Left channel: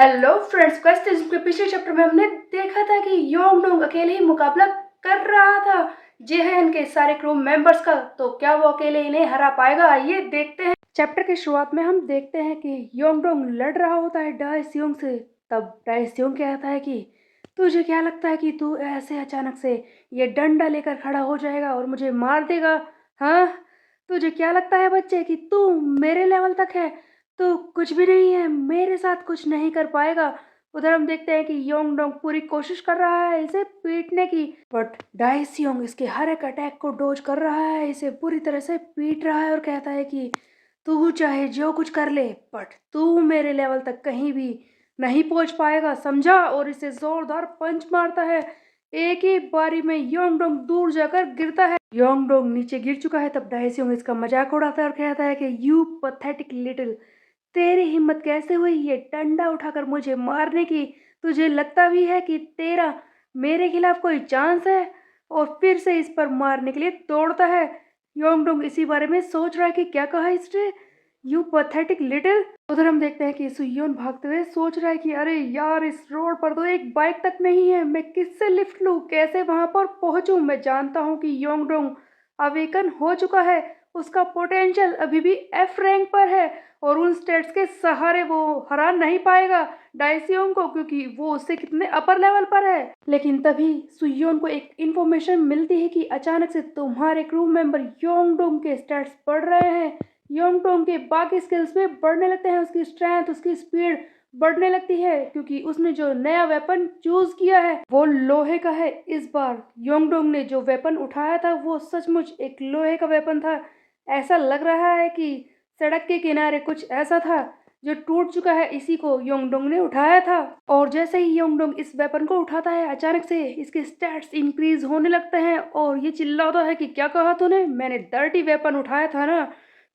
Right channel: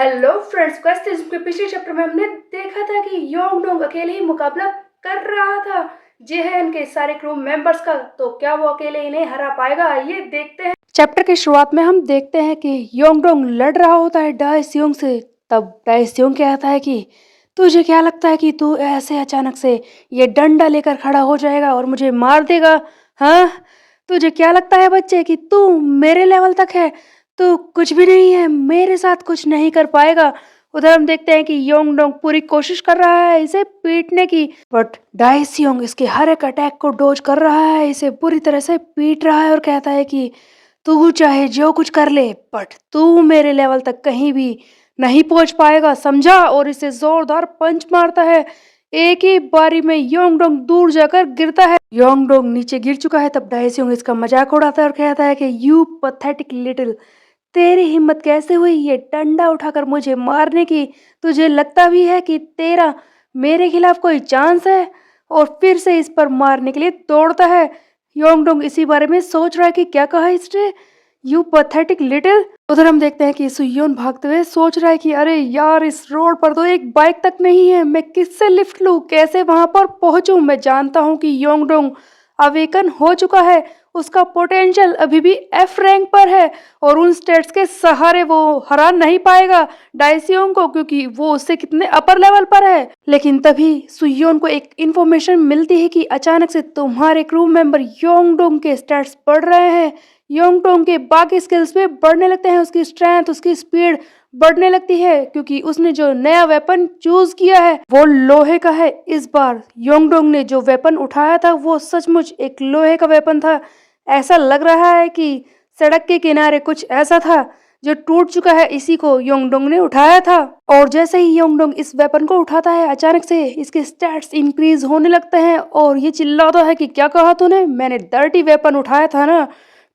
Hello friends, quest के पिछले chapter में हमने देखा था कि योंगडोंग अकेले ही मुकाबला कर रहा था जेहन के सारे क्रू मेंबर्स का। तो क्या वो अकेले इन्हें हरा पाएगा, आइए देखते हैं। चैप्टर की शुरुआत में हम देखते हैं कि योंगडोंग लड़ रहा होता है डाइसियोंग से। तब डाइसियोंग कहता है कि तुझे क्या लगता है कि तू ऐसे अचानक से ये डंडा लेकर खड़ा हो जाएगा और मुझे मार देगा? हाँ, तुझे क्या लगता है बच्चे कि तू मेरे लेवल तक है? तो कुछ भी नहीं है, मेरे साथ कुछ नहीं कर पाएगा। उधर हम देखते हैं कि योंगडोंग पूरी कोशिश कर रहा है इसे पीटने की, बट डाइसियोंग इसके हर एक अटैक को डोज कर रहा है, इसे पूरी तरह से पीट रहा है और कहता है कि तू चाहे जो कुछ कर ले, बट तू मेरे लेवल तक कहीं भी नहीं पहुंच पाएगा, समझा? और इसे जोरदार पंच मारता है। एक ही बारी में योंगडोंग दूर जाकर गिरता है। योंगडोंग नीचे गिर चुका है। तब डाइसियोंग इसका मजाक उड़ाता है और कहता है कि यू पथेटिक लिटिल, तेरी हिम्मत कैसे हुई ये डंडा उठाकर मुझे मारने की? तुझे लगता भी है कि तेरा मेरे खिलाफ कोई चांस है? और फिर से इस पर मारने के लिए दौड़ता है। योंगडोंग इसी बारे में सोच रहा है कि क्या कहा इसने, यू पथेटिक लिटिल। उधर हम देखते हैं कि सुयोन भागते हुए सोच रहा है कि अरे यार, इस रोड पर तो एक बाइक तक नहीं है, मैं किससे लिफ्ट लूं, कैसे वहां पर पहुंचूं? मैं जानता हूं कि योंगडोंग अवेकन हो चुका है, उसका पोटेंशियल अभी भी एफ रैंक पर है और उन स्टेट्स के सहारे वो हरा नहीं पाएगा डाइसियोन को, क्योंकि वो उससे कितने अपर लेवल पर है। लेकिन तभी सुयोन को एक इंफॉर्मेशन मिलती है कि अचानक से तुम्हारे क्रू मेंबर योंगडोंग के स्टेट्स बढ़ रहे हैं। योंगडोंग के बाकी स्किल्स भी बढ़ने लगते हैं, उसकी स्ट्रेंथ, उसकी स्पीड बढ़ने लगती है, क्योंकि उसने जो नया वेपन चूज किया है वो लोहे का है। इस बार योंगडोंग ने जो वेपन उठाया था वो सचमुच एक लोहे का वेपन था। ऐसा लग रहा है कि सड़क के किनारे कुछ ऐसा था जो टूट चुका है, इसी को योंगडोंग ने उठाया था। और जैसे ही योंगडोंग इस वेपन को उठाता है, अचानक से इसके स्टैट्स इंक्रीज होने लगते हैं और ये चिल्लाता है कि क्या कहा तूने, मैंने डर्टी वेपन उठाया था ना?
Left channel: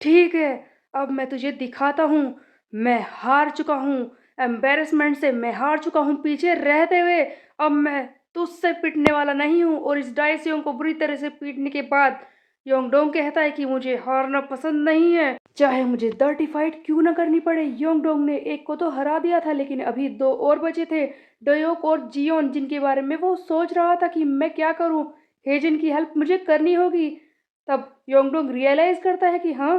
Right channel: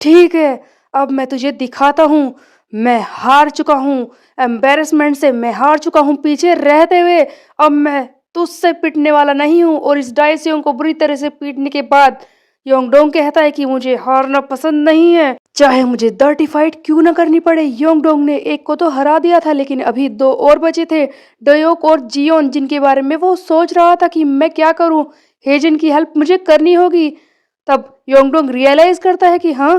ठीक है, अब मैं तुझे दिखाता हूँ, मैं हार चुका हूँ, एम्बेरसमेंट से मैं हार चुका हूँ पीछे रहते हुए। अब मैं तुझसे पिटने वाला नहीं हूँ। और इस डाइसियों को बुरी तरह से पीटने के बाद योंगडोंग कहता है कि मुझे हारना पसंद नहीं है, चाहे मुझे डर्टी फाइट क्यों ना करनी पड़े। योंगडोंग ने एक को तो हरा दिया था, लेकिन अभी दो और बचे थे, डयोक और जियोन, जिनके बारे में वो सोच रहा था कि मैं क्या करूं, हेजन की हेल्प मुझे करनी होगी। तब योंगडोंग रियलाइज करता है कि हाँ,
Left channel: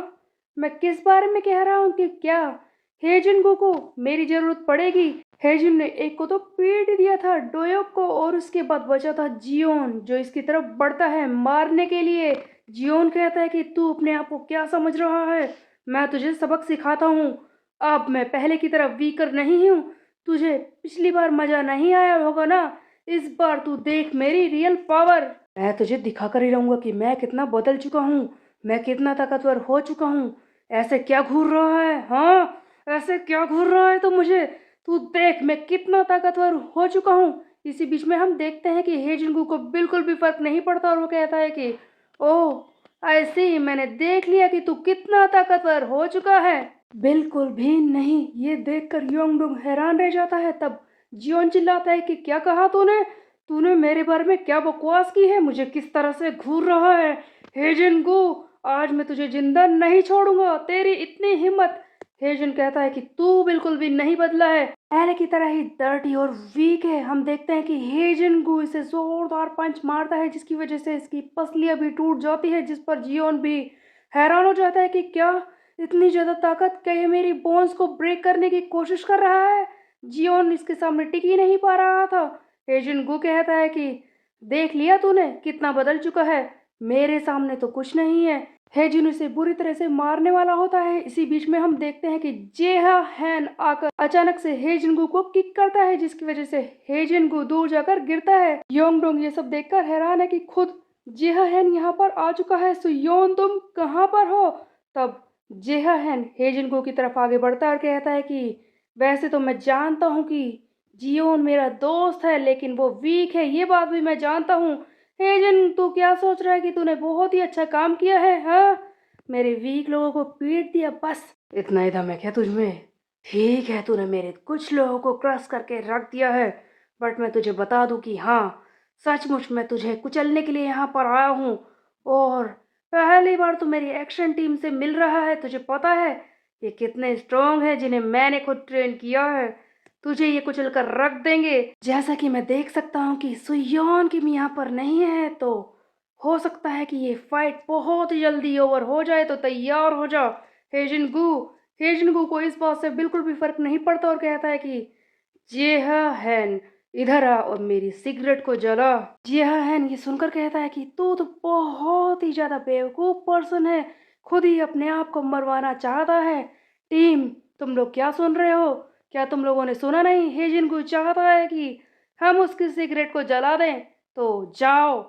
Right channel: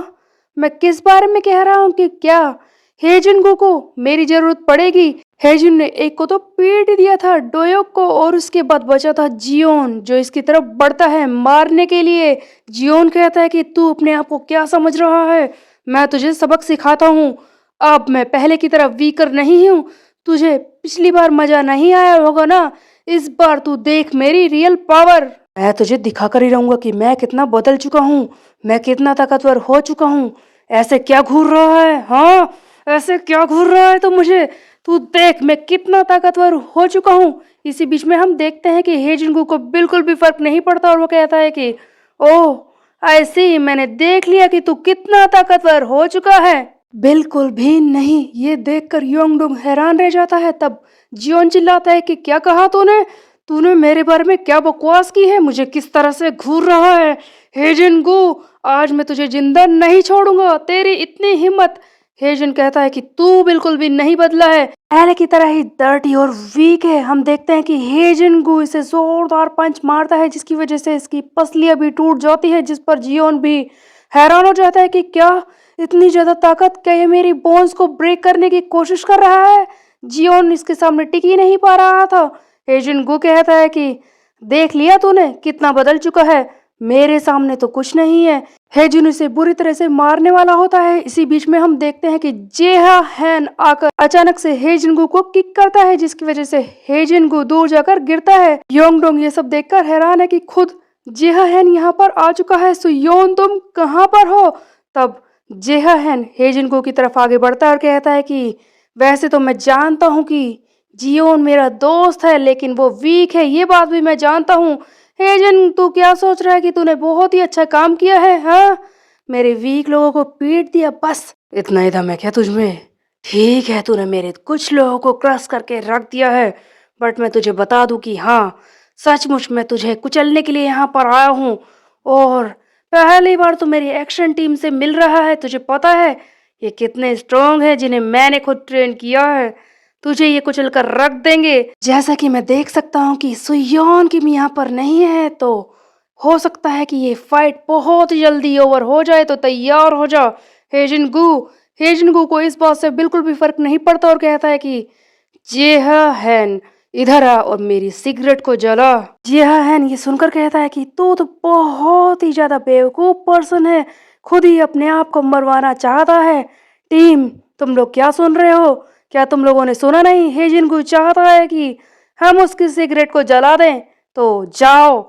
मैं किस बारे में कह रहा हूँ कि क्या हेजुनगो को मेरी जरूरत पड़ेगी। हेजुन ने एक को तो पीट दिया था, डोयोक को, और उसके बाद बचा था जियोन, जो इसकी तरफ बढ़ता है मारने के लिए। जियोन कहता है कि तू अपने आप को क्या समझ रहा है, मैं तुझे सबक सिखाता हूँ। अब मैं पहले की तरह वीकर नहीं हूँ, तुझे पिछली बार मजा नहीं आया होगा ना, इस बार तू देख मेरी रियल पावर। मैं तुझे दिखा कर ही रहूंगा कि मैं कितना बदल चुका हूँ, मैं कितना ताकतवर हो चुका हूँ। ऐसे क्या घूर रहा है? हाँ, ऐसे क्या घूर रहा है? तो मुझे तू देख मैं कितना ताकतवर हो चुका हूँ। इसी बीच में हम देखते हैं कि हेजिंगू को बिल्कुल भी फर्क नहीं पड़ता और वो कहता है कि ओह ऐसे ही, मैंने देख लिया कि तू कितना ताकतवर हो चुका है। बिल्कुल भी नहीं, ये देखकर योंगडोंग हैरान रह जाता है। तब जियोन चिल्लाता है कि क्या कहा तूने, तूने मेरे बारे में क्या बकवास की है, मुझे किस तरह से घूर रहा है? हेजिंगू, आज मैं तुझे जिंदा नहीं छोड़ूंगा, तेरी इतनी हिम्मत। हेजन कहता है कि तू बिल्कुल भी नहीं बदला है, पहले की तरह ही डर्टी और वीक है। हम देखते हैं कि हेजन गु इसे जोरदार पंच मारता है, जिसकी वजह से इसकी पसलियां भी टूट जाती है, जिस पर जियोन भी हैरान हो जाता है कि क्या इतनी ज्यादा ताकत, क्या ये मेरी बोन्स को ब्रेक करने की कोशिश कर रहा है? जियोन इसके सामने टिक ही नहीं पा रहा था। हेजन गु कहता है कि देख लिया तूने कितना बदल चुका है, मेरे सामने तो कुछ नहीं है। हेजुन उसे बुरी तरह से मारने वाला होता है। इसी बीच में हम देखते हैं कि जेहा हैन आकर अचानक से हेजिनगु को किक करता है, जिसकी वजह से हेजिनगु दूर जाकर गिरता है। योंगडोंग ये सब देखकर हैरान है कि खुद जेहा हैन यहाँ पर आ चुका है। सुयोन, तुम कहाँ पर हो? तब जेहा हैन हेजिनगु की तरफ आगे बढ़ता है और कहता है कि वैसे तो मैं जानता हूँ कि जियोन मेरा दोस्त है, लेकिन वो वीक है, ये बात भी मैं जानता हूँ। हेजन, तू क्या सोच रहा है कि तूने बहुत ही अच्छा काम किया है? हाँ, मेरे वीक लोगों को पीट दिया, बस इतना ही दम है क्या तुझमें? ठीक है, तूने मेरे कुछ लोगों को क्रश करके रख दिया है, बट मैं तुझे बता दूं कि हाँ, सचमुच मैं तुझे कुचलने के लिए यहाँ पर आया हूँ। और पहली बार तो मेरी एक्शन टीम से मिल रहा है, तुझे पता है ये कितने स्ट्रांग है, जिन्हें मैंने खुद ट्रेन किया है। तुझे ये कुचल कर रख देंगे। जैसा कि मैं देख सकता हूँ कि सुयोन किम यहाँ पर नहीं है, तो हो सकता है कि ये फाइट बहुत जल्दी ओवर हो जाए, तो तैयार हो जा हेजिनगू। हेजिनगू को इस बात से बिल्कुल भी फर्क नहीं पड़ता और कहता है कि जेहान इधर आ और मेरी सिगरेट को जला। जेहान ये सुनकर कहता है कि तू तो बहुत ही ज्यादा बेवकूफ पर्सन है, खुद ही अपने आप को मरवाना चाहता है। टीम, तुम लोग क्या सुन रहे हो? क्या तुम लोगों ने सुना नहीं? हेजिनगू चाहता है कि हम उसकी सिगरेट को जला दें, तो जाओ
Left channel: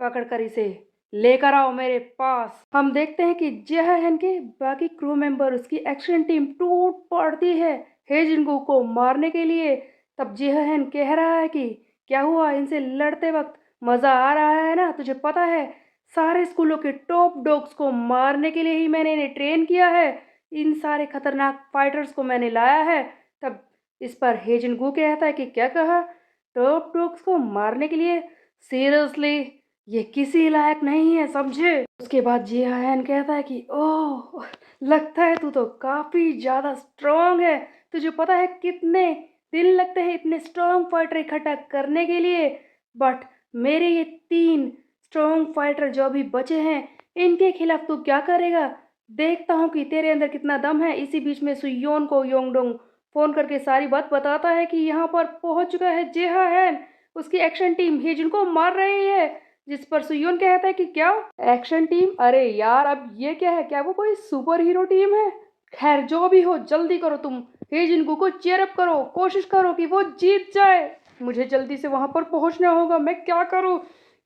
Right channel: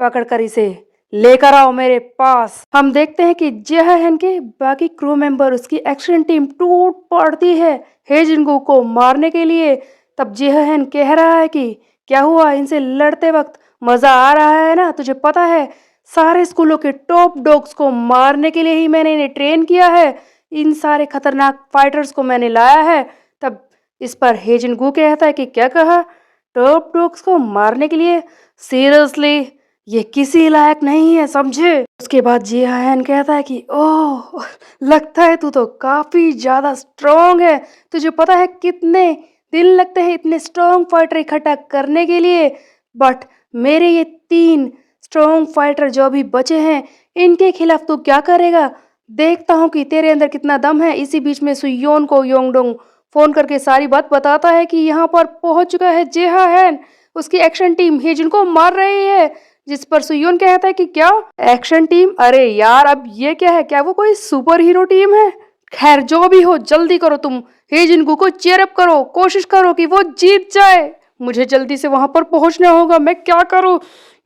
पकड़कर इसे लेकर आओ मेरे पास। हम देखते हैं कि जेहान के बाकी क्रू मेंबर, उसकी एक्शन टीम टूट पड़ती है हेजिंगू को मारने के लिए। तब जेहान कह रहा है कि क्या हुआ, इनसे लड़ते वक्त मजा आ रहा है ना? तुझे पता है सारे स्कूलों के टॉप डॉग्स को मारने के लिए ही मैंने इन्हें ट्रेन किया है, इन सारे खतरनाक फाइटर्स को मैंने लाया है। तब इस पर हेजिंगू कहता है कि क्या कहा, टॉप डॉग्स को मारने के लिए? सीरियसली ये किसी लायक नहीं है, समझे? उसके बाद जियान कहता है कि ओह, लगता है तू तो काफी ज्यादा स्ट्रांग है। तुझे पता है कितने दिन लगते हैं इतने स्ट्रांग फाइटर इकट्ठा करने के लिए? बट मेरे ये 3 स्ट्रांग फाइटर जो अभी बचे हैं, इनके खिलाफ तू क्या करेगा? देखता हूँ कि तेरे अंदर कितना दम है। इसी बीच में सुयोन को योंगडोंग फोन करके सारी बात बताता है कि यहाँ पर पहुंच चुका है जेहान, उसकी एक्शन टीम हेजिन को मार रही है। जिस पर सुयोन कहता है कि क्या एक्शन टीम? अरे यार, अब ये क्या है? क्या वो कोई सुपर हीरो टीम है? खैर जो भी हो, जल्दी करो तुम हेजिनगू को चीयर अप करो, कोशिश करो कि वो जीत जाए। मुझे जल्दी से वहां पर पहुंचना होगा। मैं क्या करूं?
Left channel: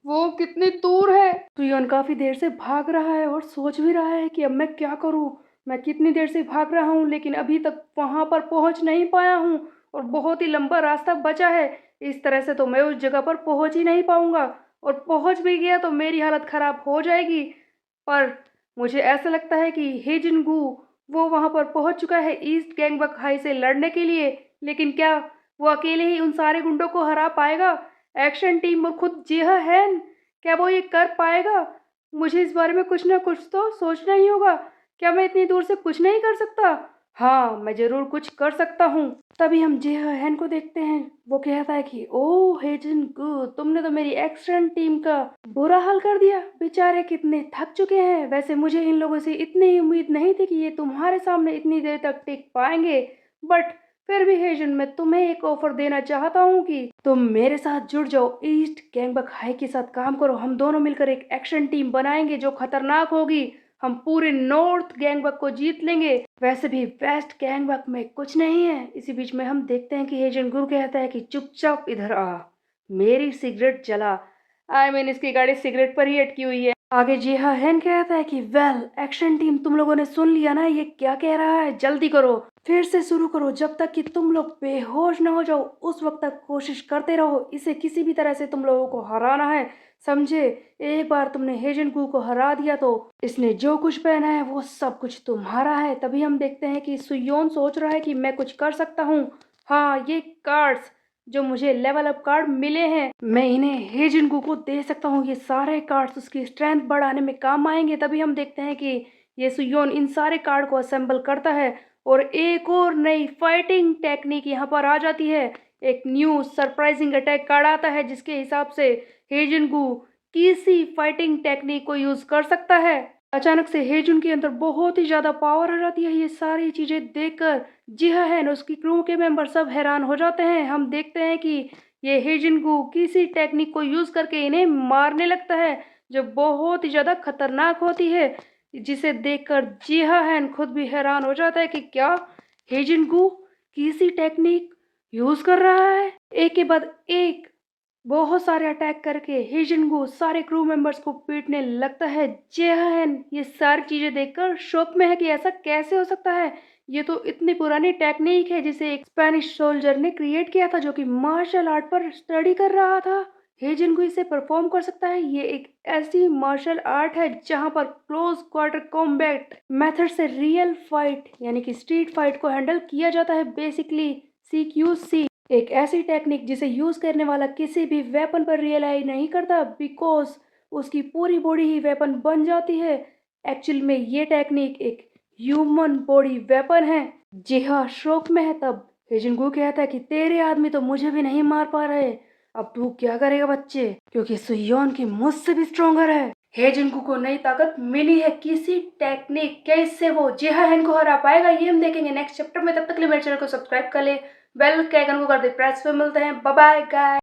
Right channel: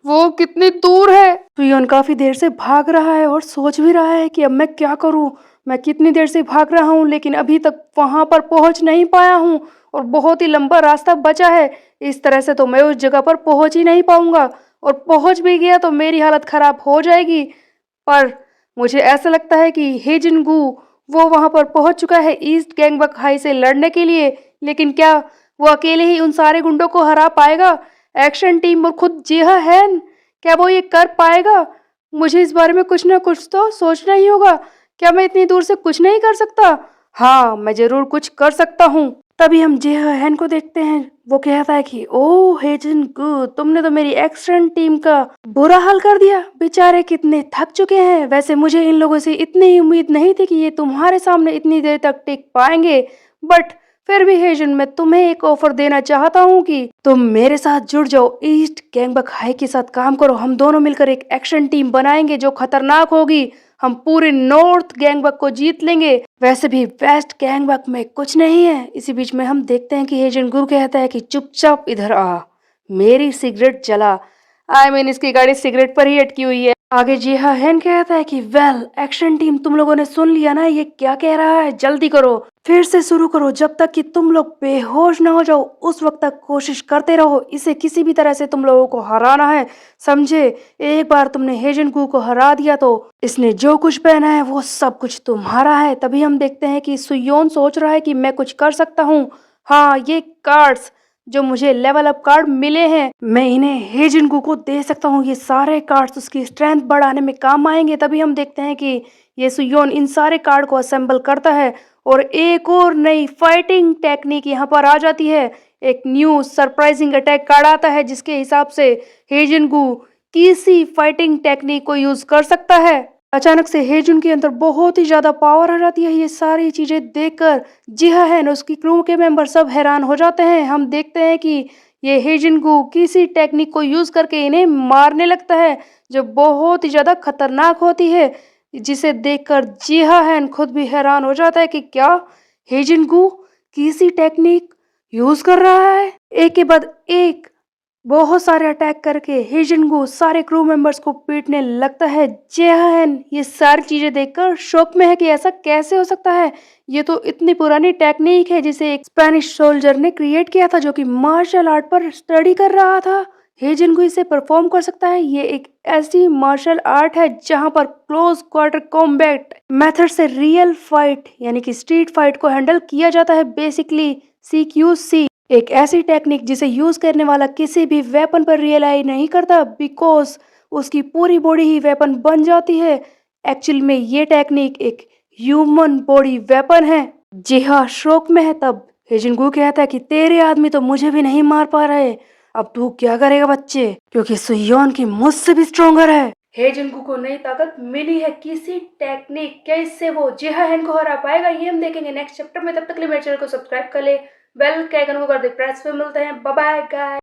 वो कितनी दूर है? सुयोन काफी देर से भाग रहा है और सोच भी रहा है कि अब मैं क्या करूं। मैं कितनी देर से भाग रहा हूं लेकिन अभी तक वहां पर पहुंच नहीं पाया हूं और बहुत ही लंबा रास्ता बचा है। इस तरह से तो मैं उस जगह पर पहुंच ही नहीं पाऊंगा, और पहुंच भी गया तो मेरी हालत खराब हो जाएगी। पर मुझे ऐसा लगता है कि हेजिनगू वो वहां पर पहुंच चुका है ईस्ट गैंगबक हाई से लड़ने के लिए। लेकिन क्या वो अकेले ही उन सारे गुंडों को हरा पाएगा? एक्शन टीम और खुद जिहा है, क्या वो ये कर पाएगा? मुझे इस बारे में कुछ ना कुछ तो सोचना ही होगा। क्या मैं इतनी दूर से कुछ नहीं कर सकता? हाँ, मैं जरूर कुछ कर सकता हूँ। तभी हम जेहन को देखते हैं। वो कहता है कि ओह हेजन गू, तुमने तो मेरी एक्शन टीम का बुरा हाल कर दिया। बेचारे कितने थक चुके हैं। वैसे मुझे इन लोगों से इतनी उम्मीद नहीं थी कि ये तुम्हारे सामने इतनी देर तक टिक पाएंगे। बट फिर भी हेजन, मैं तुम्हें एक ऑफर देना चाहता हूँ कि तुम मेरे साथ जुड़ जाओ, ईस्ट गैंगबक हाई के साथ काम करो। हम दोनों मिलकर एक एक्शन टीम बनाएंगे जो खतरनाक होगी। हम पूरे नॉर्थ गैंगबक को जीत लेंगे। वैसे भी वेस्ट गैंगबक में कुछ नहीं है। इसी बीच में हम देखते हैं कि हेजन गु कहता है कि चुपचाप इधर आ, मेरी सिगरेट जला। इसकी गाड़ी सिगरेट पर ही अटकी हुई है। आगे जी हाँ हेन कहता है कि वेल एक्शन टीम, तुम लोगों ने सुन लिया ना ये क्या कह रहा है? जल्दी करो, फिर से शुरू करो। जब तक कि तुम लोग बेहोश ना हो जाओ उस वक्त तक कोशिश करते रहो। इसे किसी भी तरह से तुम लोगों को हराना है, समझे? एक बार तुमने हेजन कू को हरा दिया तो इसने जो कुछ पहना है वो सब कुछ तुम्हारा है। तभी हम देखते हैं कि सुयोन सोच रहा है कि मैं कुछ कर सकता हूँ। हाँ, ये कार्ड्स जो मुझे लेवल अप कार्ड मिले हैं, मैं इन्हें हेजिनगू को दे सकता हूँ। ये सारे कार्ड्स उसकी स्ट्रेंथ बढ़ाने में काम आएंगे। तभी हम देखते हैं कि ये सुयोन इन सारे कार्ड को असेंबल करता है और एक और नई फाइटिंग टेक्निक यहाँ पर आ जाती है। एक न्यू सरप्राइजिंग अटैक कार्ड आता है जिसके हिसाब से हेजिनगू किसी फाइटिंग टेक्निक को यूज कर सकता है। अचानक से हेजुन के अंदर बहुत ही ज्यादा पावर आ जाती है। ये सारी चीजें देखकर जिहा है उसकी क्रू के मेंबर सब हैरान हो जाते हैं। हम देखते हैं कि ये हेजिनगू किसी टेक्निक को यूज करके इन्हें मारने लगता है जो बहुत ही ज्यादा खतरनाक होती है, जिसे देखकर जिहा है खुद भी हैरान हो जाता है कि क्या हेजिनगू किसी टेक्निक यूज कर रहा है। एक के बाद एक बहुत सारे अटैक करके हेजिनगू सारे क्रू मेंबर्स को पीटने लगता है। जेहन ये सारी चीजें देखकर शॉक में है कि ऐसा कैसे हो सकता है। ये तो इतनी पुरानी टेक्निक है जिसे एक स्पेनिश सोल्जर ने क्रिएट किया था जो कि मार्शल आर्ट पर स्टडी कर रहा था। हेजिनगू इसे परफॉर्म कर सकता है। ये एक ऐसी मार्शल आर्ट है जहां पर क्लोज क्वार्टर कॉम्बैट मेथड से रियल फाइट यानी कि स्ट्रीट फाइट को हैंडल किया जाता है। बेसिकली CQC एक ऐसी टेक्निक जिसे यूज करने वाला किसी भी वेपन पर रियलाई नहीं करता, बिकॉज उसकी पूरी बॉडी ही वेपन बन जाती है। एक्चुअल में ये टेक्निक एक ह्यूमन बॉडी वेपन है। जी हाँ, शौक में है तब हेजिंगू कहता है कि तेरे आदमी तो मुझे भी नहीं मार पा रहे, अब तू क्या करेगा बच्चे, क्योंकि सुयोन की मुझसे भी स्ट्रोंगर है। हेजिंगू को नई ताकत मिली है किसी टेक्निक, कैसे वो जेहान को हरा पाएगा ये हम देखेंगे नेक्स्ट चैप्टर में। तब तक के लिए मेरे चैनल को सब्सक्राइब कर ले, बेल के आइकन को कर दे प्रेस पे। मिलते हैं, बाय बाय गाइस।